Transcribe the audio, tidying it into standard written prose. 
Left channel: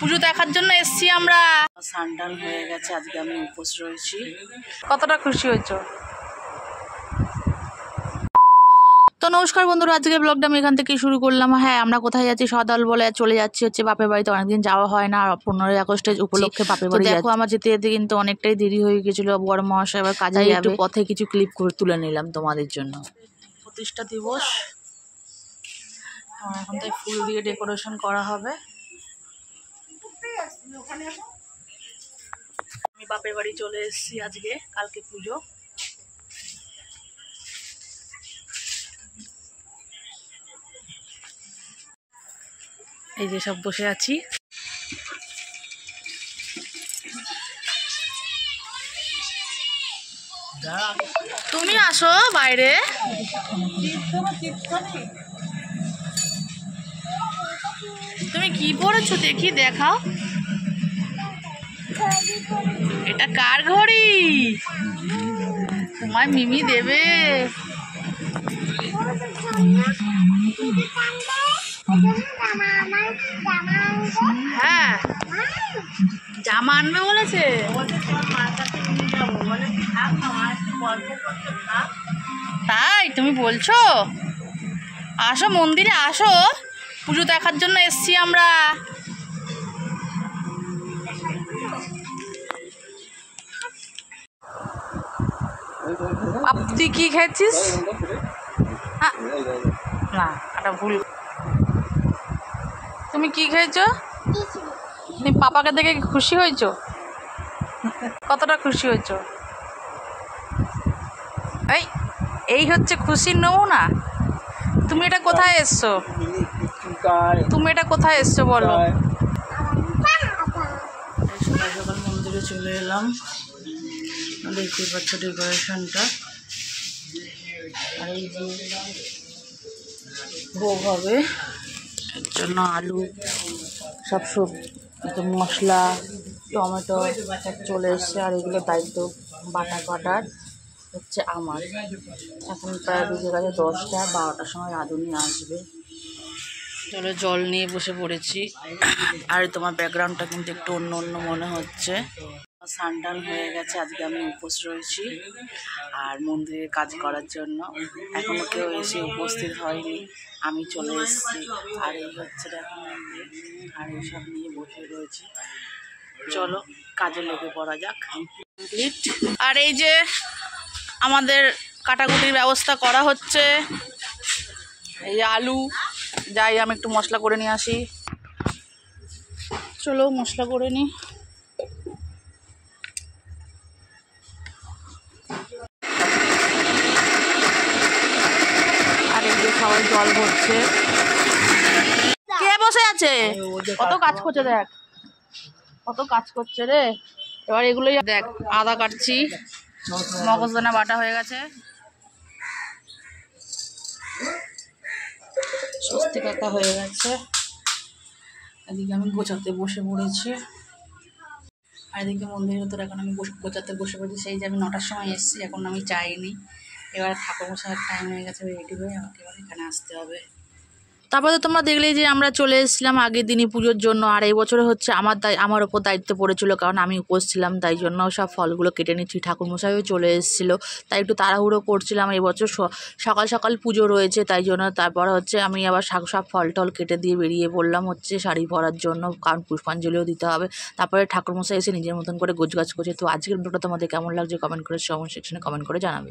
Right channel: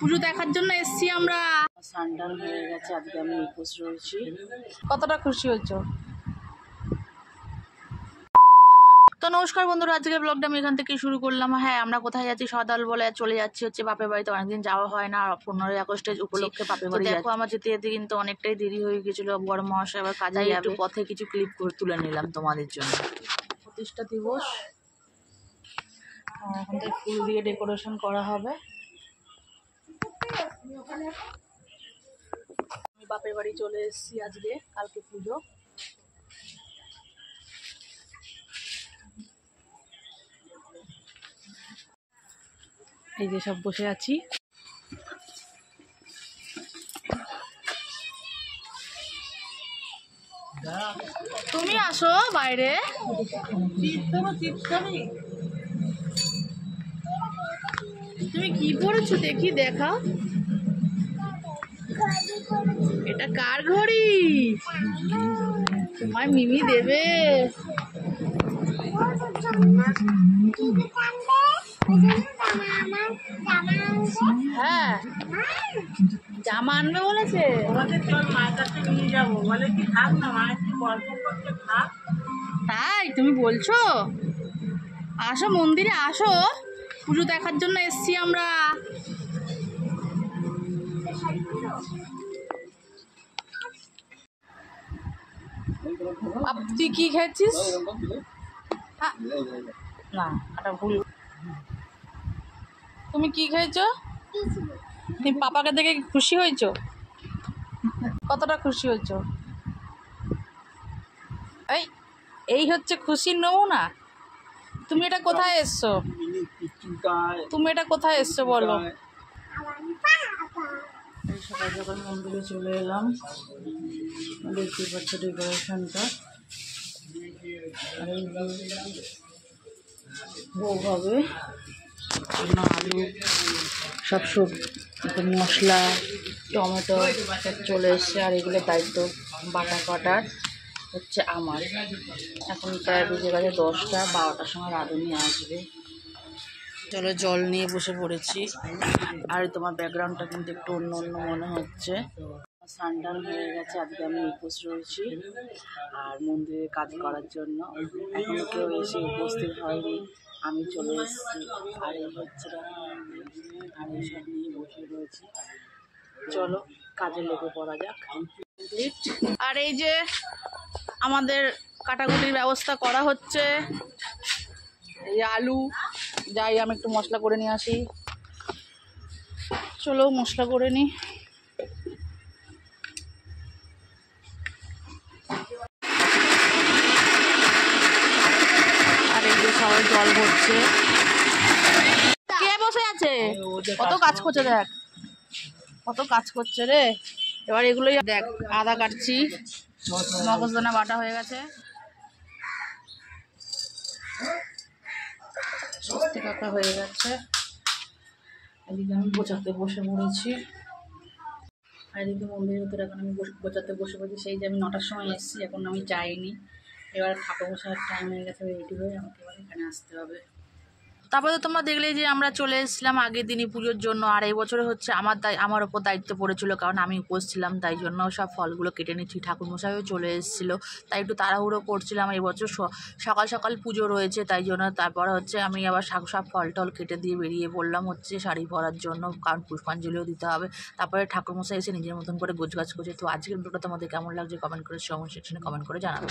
পুজো দেখার জন্য এসছি আমরা। সানডান হয়ে গেছে, আজকে আমি উপোস রয়েছি। কতটা খুশি হয়েছো? তো নমস্কার বন্ধুরা, আজকে ব্লগটা আমি এখান থেকে শুরু করলাম। হ্যাঁ, আমরা কোথায় যাচ্ছি? সদল বলে চলে যাচ্ছি হচ্ছে বাপের বাড়িতে। অনেকদিন যাওয়া হয় না, 15ই আগস্টের উপলক্ষে বাপের বাড়ি। দেখো আমার যেতে যেতে কিন্তু অনেকটাই দেরি হয়ে গেছিল। বড় মহাশয় এবার কাজে একটু পথে কিছু ক্লিপ করে তুলে নিলাম তোমাদের জন্য। প্রতিষ্ঠা দিবস, এখন তাই ফুল দিয়ে ডেকোরেশন করা হবে। আমি বাপের বাড়ি চলে এসেছি আজকে, কালকে পুজো। এই যে সব বসে আছি। তুমি আসো বাইরে। তুমি কি পড়েছো দেখি, দেখাও। এটা কার ঘড়ি? তোমার মিমি দেবে। হ্যাঁ, জামা আনবে বলেছে। তাই তুমি বলছো? আসো মন্দিরে, আসো, পুজো দেখার জন্য এসছি আমরা। তুই কি খেয়েছিস? না, এটা ভুল। তুমি কি খেয়েছো? তুমি পাপাকে দেখে খুশি হয়েছো? কতটা খুশি হয়েছো? এই হচ্ছে খুশির নমুনা। তুমি এটা কোথায় এসছো? তুমি এটা কোথায় এসছো বলো? সকাল সকাল মন্দিরে চলে এলাম। দেখতেই পাচ্ছ ডেকোরেশনটা। আর এই যে ভোগ হবে, জন্য আলু সব মশলা টমেটো চলে এসছে। আর এগুলো দায়িত্ব বাটার হচ্ছে আমার। এখন প্রায় বেজে গেছে 10টা, 12টার সময় রাঁধুনি আসবে। চলো, জল নিয়ে বসে পড়েছি। আর তোমার ব্যাকগ্রাউন্ডটা কিন্তু একটু অন্য অন্য মনে হচ্ছে। সানডান হয়ে গেছে, আজকে আমি উপোস রয়েছি আর মন্দিরে কাজ করার জন্য। এখনো কেউ এসে উপস্থিত হয়নি, আমি চলে এসেছি। আর এই হচ্ছে দেখো মন্দির, আর এইসব নিয়ে বসে রয়েছি। চলো কাজে লেগে পড়া যাক। কমপ্লিট। আর এই যে আমাদের কাটাকুটির ব্যবস্থা করা হচ্ছে। এই আলু, যাই আমি একটু মশলা করে নিয়ে আসি। চলো মশলা করে নিই। আর এই যে সবাই জল ভরছে। কে বসে আছে? কত কাজ করছে দেখ, কত কাজ করছে রে। এবার এগুলোই দেখ, আদা কাটছি, মগজদানা বাটা হয়ে গেছে, স্বস্তি কাটা হয়ে গেছে। এদিকে আমি গোছাতে বসে পড়েছি। আর এদিকে মন্দিরের ভেতরে এখন আমি গোছাতে বসে পড়েছি। সেই যে আমি 9টার সময় এসেছি, এখন আমি যাইনি। এবার ঠাকুর গোছার টাইম হয়ে গেছে, রেডি হয়ে আমাকে এবার এখানে আসতে হবে। তারপরে তো তোমরা দেখলে যে আমরা চলে এসেছিলাম আগের দিনই পুজোর জন্য। আর এই বছরে হচ্ছে আমার ওপর দায়িত্ব পড়েছিল, কারণ আমি উপোস ছিলাম, তাই জন্য সব ফলগুলো কেটে নিচ্ছি। ঠাকুরমশাইও চলে এসেছিলো, তাই একটু তাড়াহুড়ো করছিলাম। এই বছর সকাল সকাল পুজো রয়েছে, তাই জন্য তারপর হচ্ছে আমি আবার সব ফল টল কেটে দিয়ে বেরিয়ে পড়লাম হচ্ছে শাড়ি পরার জন্য, কারণ পুষ্পাঞ্জলিও দিতে হবে। তারপরে ঠাকুরমশাই এসে নিজের মতন করে গোছগাছ করছে। তো আজকের ভিডিওটা তোমাদের কেমন লাগছে কমেন্ট করে কমেন্ট সেকশনে কমেন্ট করে জানাবে।